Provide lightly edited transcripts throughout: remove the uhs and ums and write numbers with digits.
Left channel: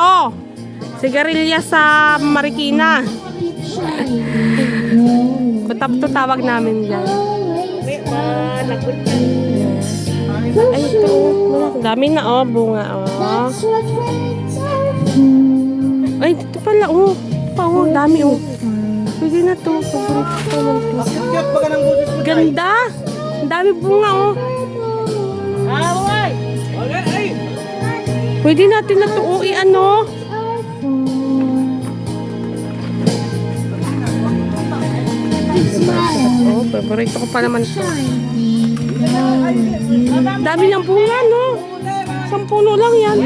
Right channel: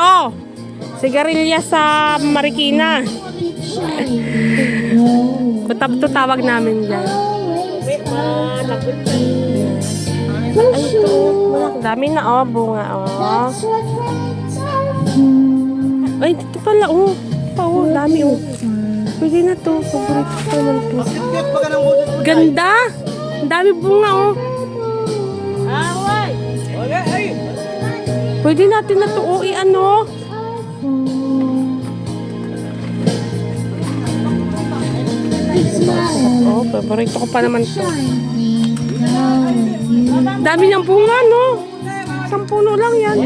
to. Sigarilyas sa Marikina. Kutap to tawag namin dyan. Ay, ito. Dami na, oh. Bunga, oh. Ay, dito pala, oh. Oh, dami, oh. Pwede na to. Paborito ko naman to. Ganda. Ang dami bunga, oh. Pwede natin na to, oh, ano. Oh, paborito ko pa naman to. Dami ng bunga, no? 10 puno lang yan.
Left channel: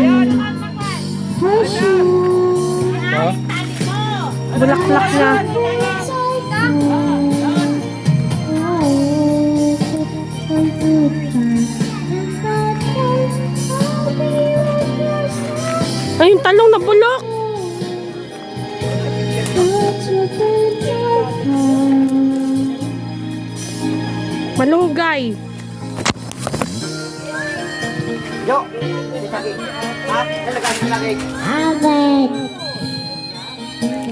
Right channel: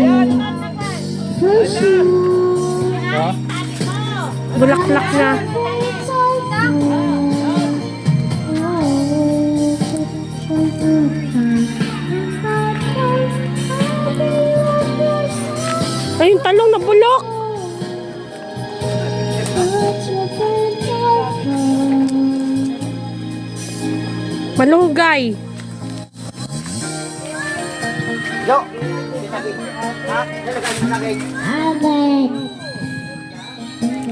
Bulaklak na. Ay, yung talong na bulok. Malunggay. Yo.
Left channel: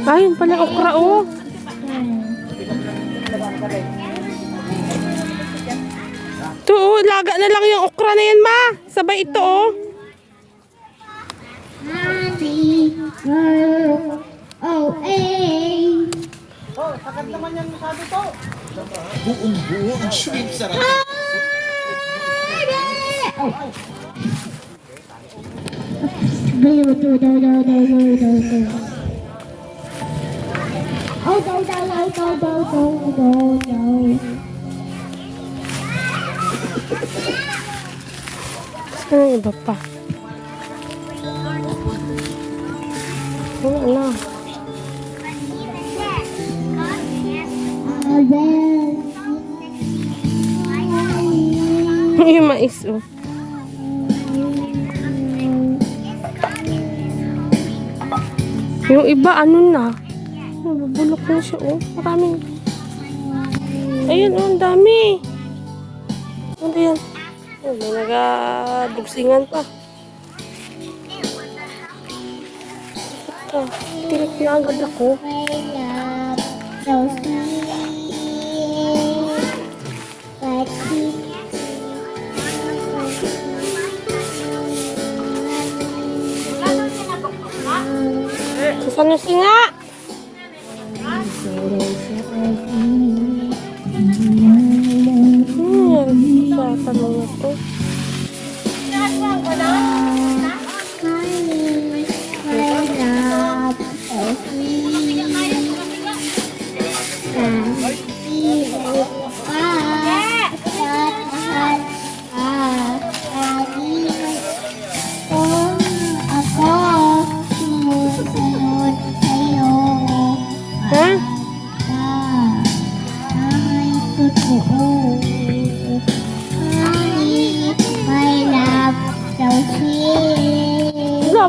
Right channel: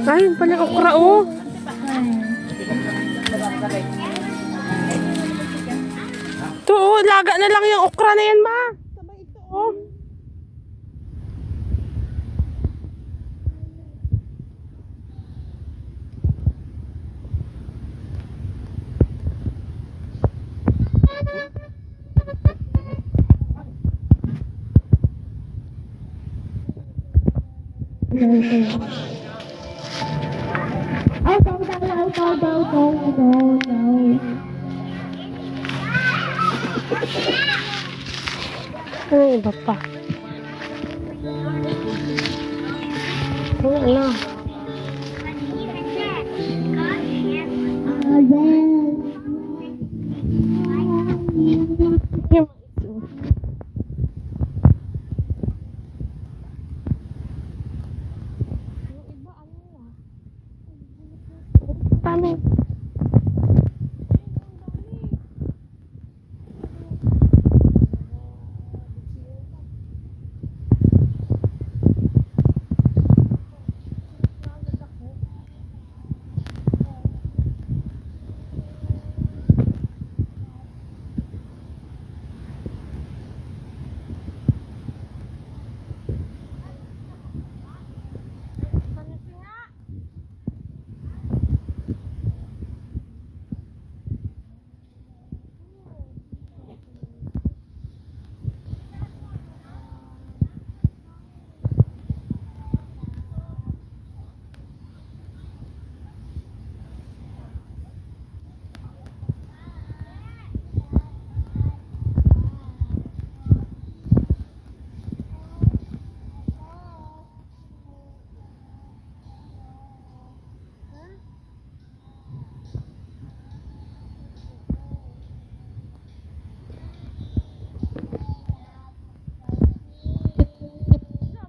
Ayun pala okra, oh. Ito, oh, laga na lang yung okra na yan, ma. Sabay ito, oh. Oh, sakat naman yan masabi to. Buong-buo ang shrimp sarap. Oh, iba pa. Oh, ala. Yung mais, oh. Yung iba, ano na? Nabubulok na siya, oh. Maraming. Ayun, oh, ang dami. Ano yan? May nagadugsingan pa. Ito, tinip na agad ako. Saan yung singa? Sa tanong na to.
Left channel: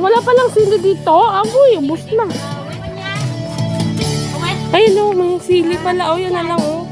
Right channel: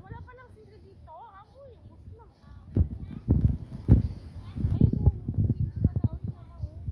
Wala pa lang sili dito. Aboy, ubos na. Ayun, oh, may sili pala. Oh, yan na lang, oh.